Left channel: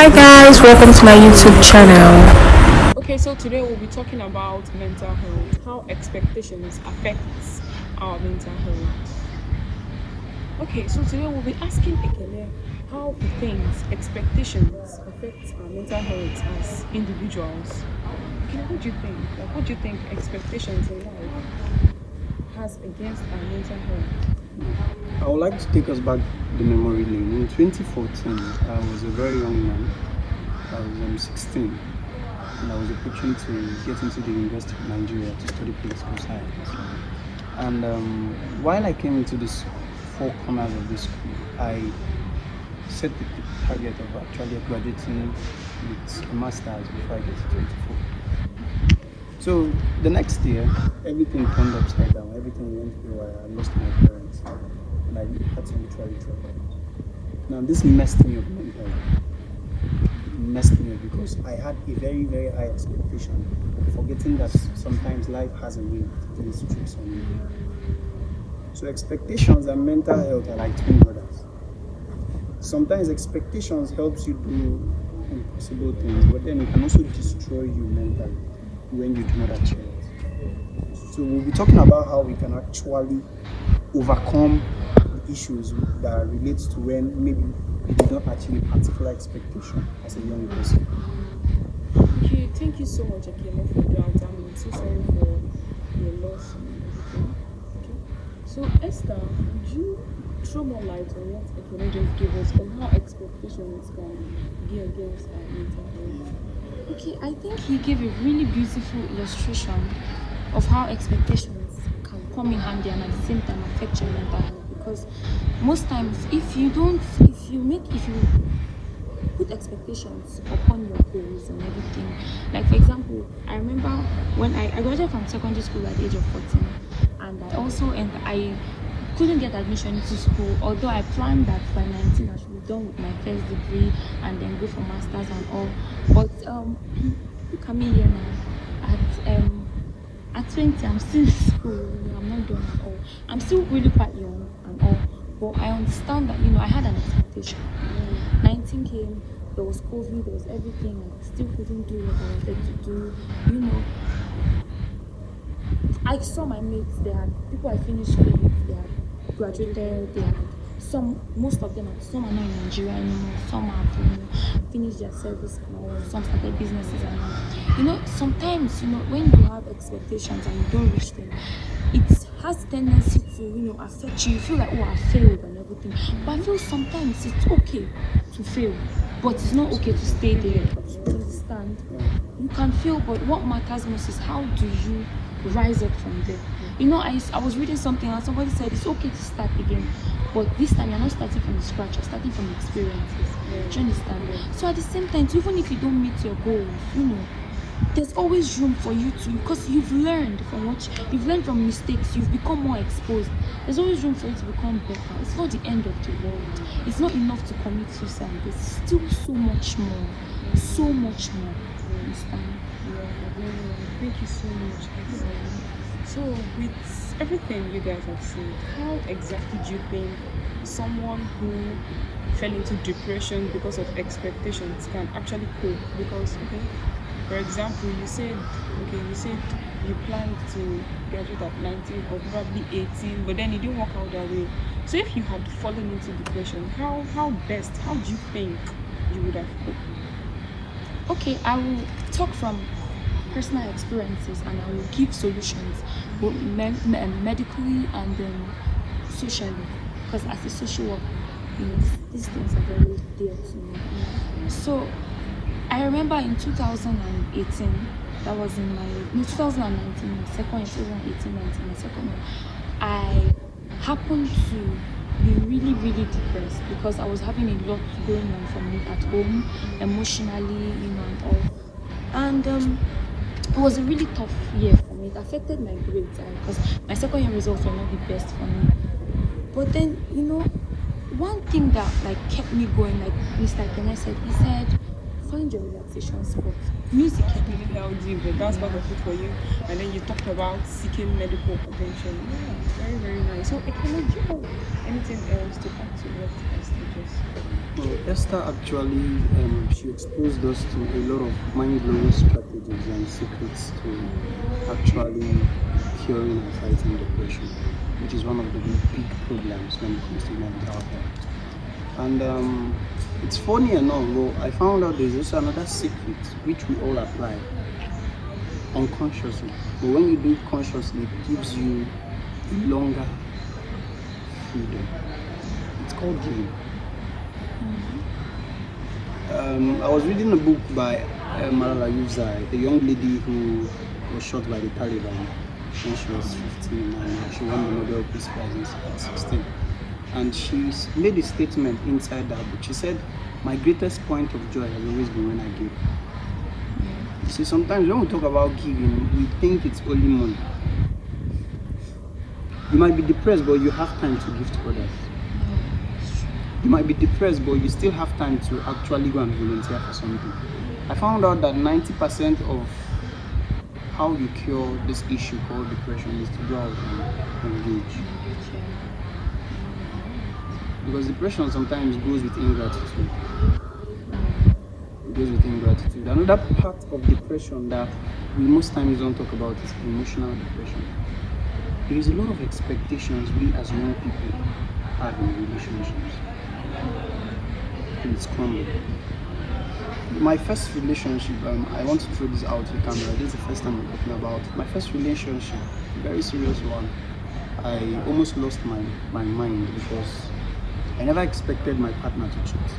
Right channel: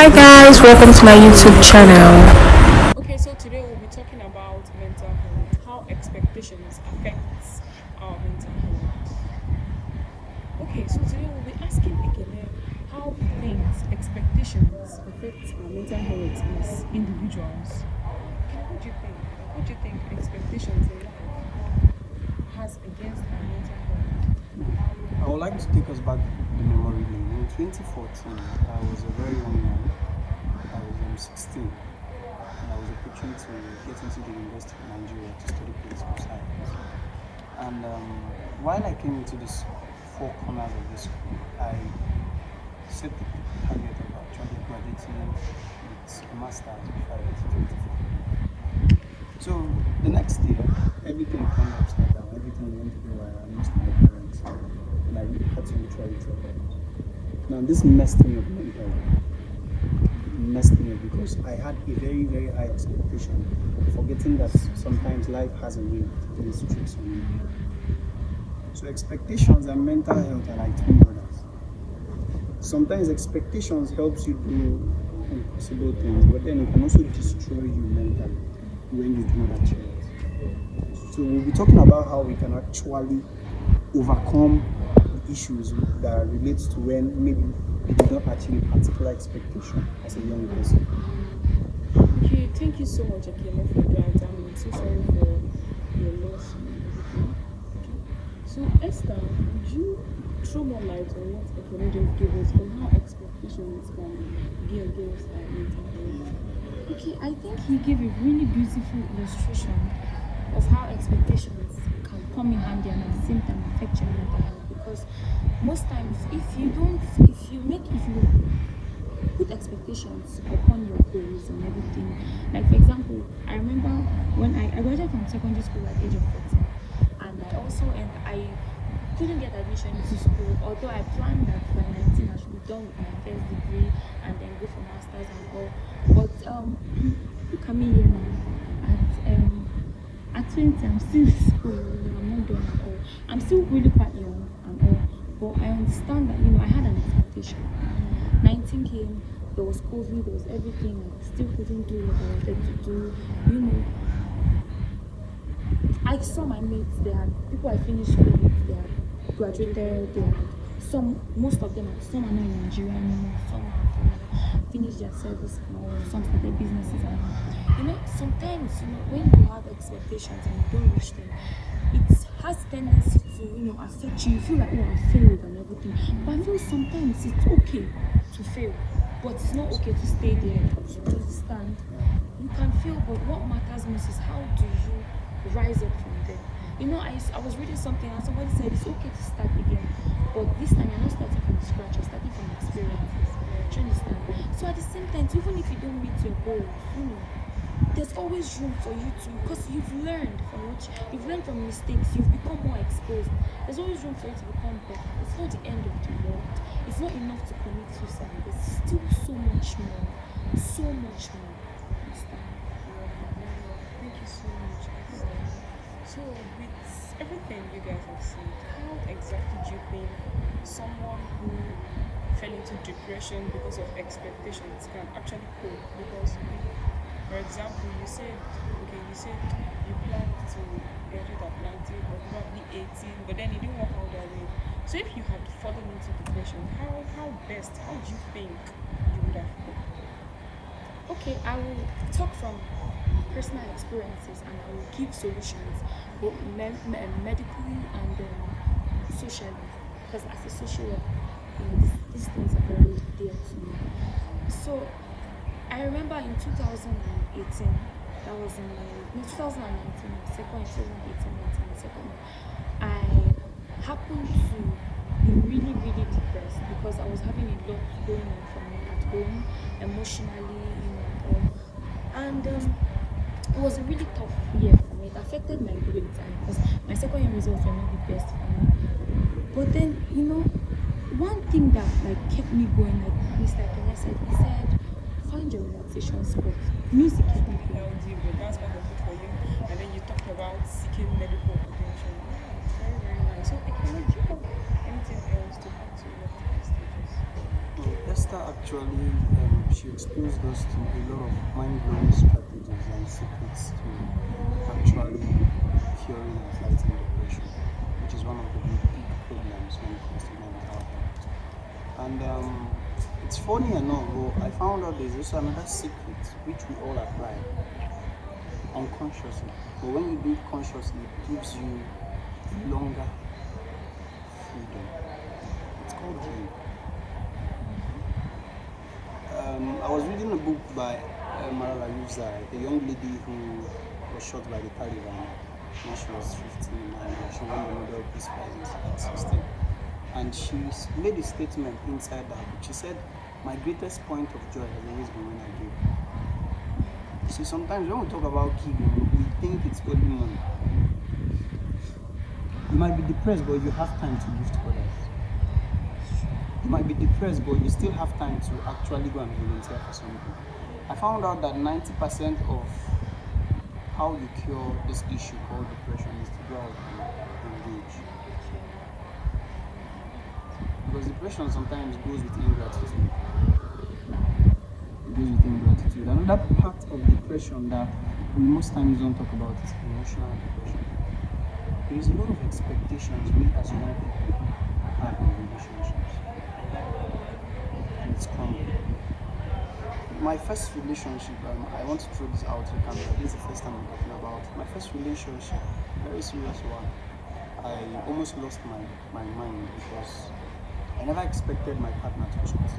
Hi guys, welcome to my YouTube channel. Okay, so today we'll be talking about mental health, how expectations affects our mental health. Okay, so today we'll be asking Ekele how he thinks expectations affect our mental health as individuals. Ekele, what do you think? What do you think expectations in life has against our mental health? I would like to take us back the memory lane. In 2014, I was a very young man. I was 16, and I was approaching to get into the University of Nigeria to study political science. And while I came into this four corners of this school, I set the target of actually graduating with a master's before I get to 24. So the next year, everything turned upside down. Everything went haywire. I lost my parents, and I had to literally drop out. Now this messed me up mentally. It messed me up because I had a very, very high expectation, forgetting that sometimes life has a way to play its tricks on you. So expectations and mental health are like twin brothers. Sometimes expectations helps you do impossible things, but then it can also destroy you mentally when you do not achieve it. So we'll be talking about how we can actually overcome the issues that relates to when maybe we did not achieve a particular expectation as a young person. Okay, thank you so much, Ekele, for that. I'm so sorry for your loss and everything. Okay. So Esther, would you throw more light on what Ekele just gave us on how expectations can be against our mental health? Okay, I think he gave a really beautiful illustration of how expectations can come in handy and at the same time affect your mental health. Because most times, if you put expectations upon your goals and everything, like for example, I remember when I graduated from secondary school at the age of 14, and I couldn't get admission into school, although I planned that by 19 I should be done with my first degree and then go for masters and all. But look at me here now. At 20, I'm still in school. I'm not done at all. I'm still really quite young and all. But I understand that I had an expectation. 19 came. There was COVID. There was everything. I still couldn't do what I wanted to do. I saw my mates. They had people I finished with. They had graduated. They had most of them. Some are not in Nigeria anymore. Some have finished their service and all. Some started businesses and all. Sometimes when you have expectations and you don't reach them, it has tendency to affect you. You feel like, oh, I failed and everything. But I feel sometimes it's okay to fail, but it's not okay to stay there. You understand? You can fail, but what matters most is how do you rise up from there. I was reading something and somebody said it's okay to start again, but this time you're not starting from scratch, you're starting from experiences. Do you understand? So at the same time, even if you don't meet your goals, there's always room for you to, because you've learned from mistakes, you've become more exposed. There's always room for you to become better. It's not the end of the world. It's not enough to commit suicide. There's still so much more. So much more. You understand? Thank you so much, Esther. So with everything you guys have said, how exactly do you think someone who fell into depression because of expectations can actually cope? Because for example, you said you planned to graduate at 19 or probably 18, but then it didn't work out that way. So if you had fallen into depression, how do you think you would have coped? Okay, I will talk from personal experiences and I will give solutions both medically and socially, because as a social worker, these things are very dear to me. So I remember in 2018, that was in my 2019, second 2018, 19, second one, I happened to be really, really depressed because I was having a lot going on for me at home, emotionally, and all. And it was a really tough year for me. It affected my grades because my second year results were not the best for me. But then, one thing that kept me going, like Mr. Kenneth said, he said, find your relaxation spot. Music help me. Down deep, but that's part of it for you. And then you talked about seeking medical attention. Yeah, very, very nice. So, Ekene, do you have anything else to add to what Esther just said? Well, Esther actually, she exposed us to a lot of mind-blowing strategies and secrets to actually curing and fighting depression, which is one of the big problems when it comes to mental health. And it's funny enough, but I found out there's also another secret which we all apply unconsciously. But when you do it consciously, it gives you longer freedom. It's called giving. I was reading a book by Malala Yousafzai, a young lady who was shot by the Taliban when she was 15 and she won the Nobel Peace Prize at 16. And she made a statement inside that book. She said, "My greatest point of joy has always been when I give." You see, sometimes when we talk about giving, we think it's only money. You might be depressed, but you have time to give to others. You might be depressed, but you still have time to actually go and volunteer for something. I found out that 90% of how you cure this issue called depression is to go out and engage. Because depression sometimes goes with ingratitude. It goes with ingratitude. Another part of depression that we most times don't talk about is emotional depression. There is a lot of expectations we as young people have in relationships. And it's crumbling. My first relationship, I want to throw this out to the camera. This is the first time I'm talking about my first relationship, a very serious one. I almost lost my mind because I never expected my partner to cheat.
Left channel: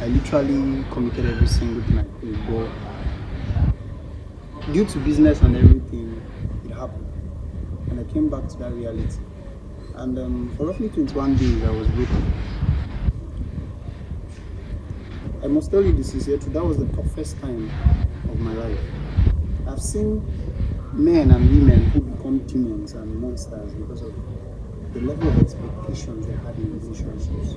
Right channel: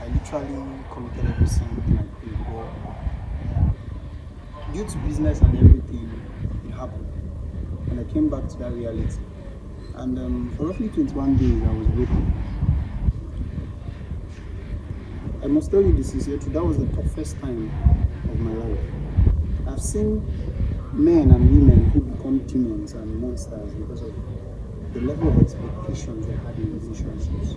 I literally committed every single thing I did, but due to business and everything, it happened. And I came back to that reality. And for roughly 21 days, I was broken. I must tell you the sincere truth, that was the toughest time of my life. I've seen men and women who become demons and monsters because of the level of expectations they had in relationships.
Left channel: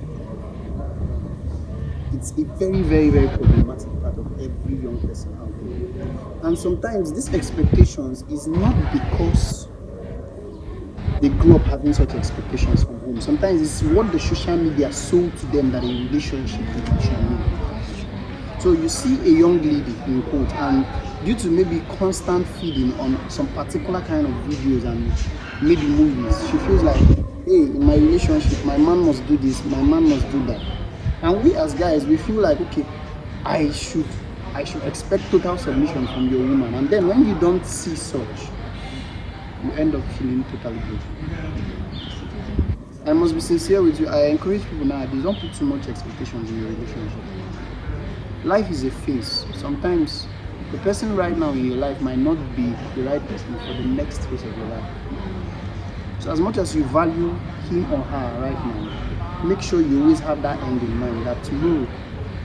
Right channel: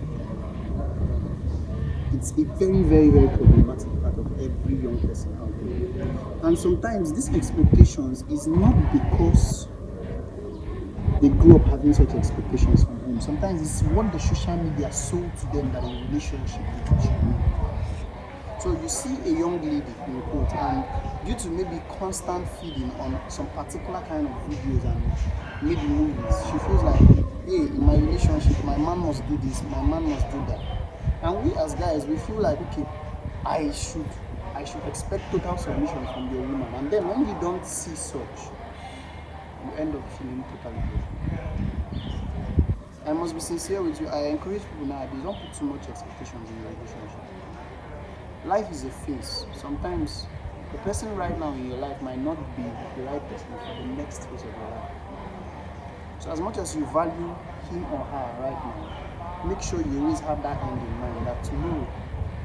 It's a very, very, very problematic part of every young person out there. And sometimes these expectations is not because they grew up having such expectations from home. Sometimes it's what the social media sold to them that a relationship should mean. So you see a young lady, in quote, and due to maybe constant feeding on some particular kind of videos and maybe movies, she feels like, hey, in my relationship, my man must do this, my man must do that. And we as guys, we feel like, okay, I should expect total submission from your woman. And then when you don't see such, you end up feeling totally broken. I must be sincere with you. I encourage people nowadays, don't put too much expectations in your relationship. Life is a phase. Sometimes the person right now in your life might not be the right person for the next phase of your life. So as much as you value him or her right now, make sure you always have that end in mind, that tomorrow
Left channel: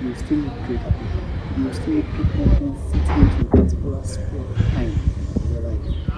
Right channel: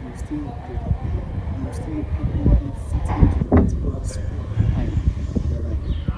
you will still meet greater people. You will still meet people who fit into a particular sphere of time in your life.